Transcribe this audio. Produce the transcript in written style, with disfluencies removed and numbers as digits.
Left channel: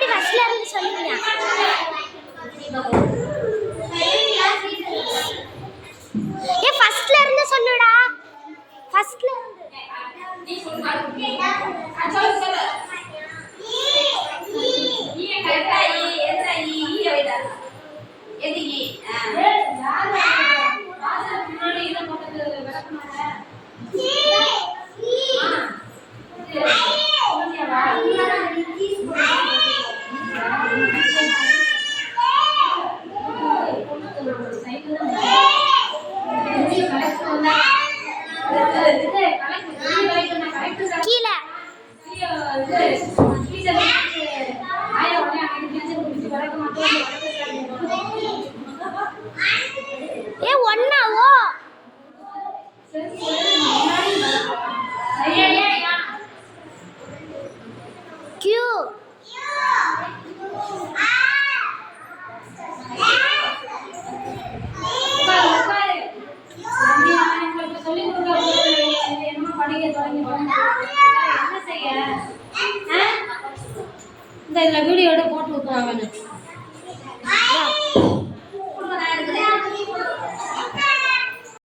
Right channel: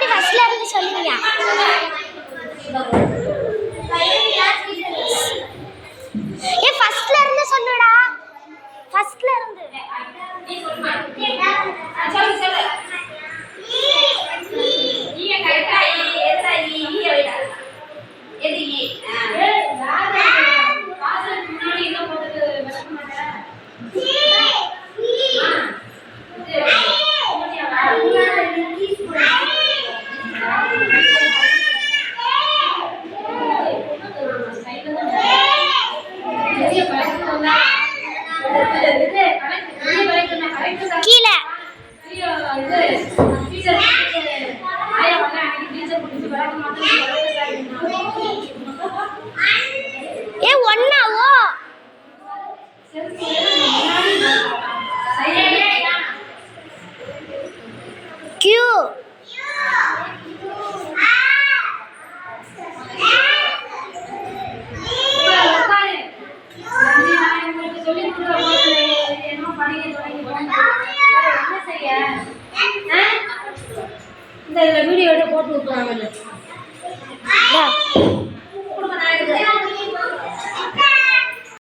மறுபடி ஃபர்ஸ்ட்ல இருந்து சொல்லுங்க. ஏ ஃபர்ஸ்ட்ல இருந்து சொல்லுடா. ஃபர்ஸ்ட்ல இருந்து கீழே ஏ ஒன்னாவோ கியூ இந்த வீடியோட போட்டு விட்டுருவாங்க.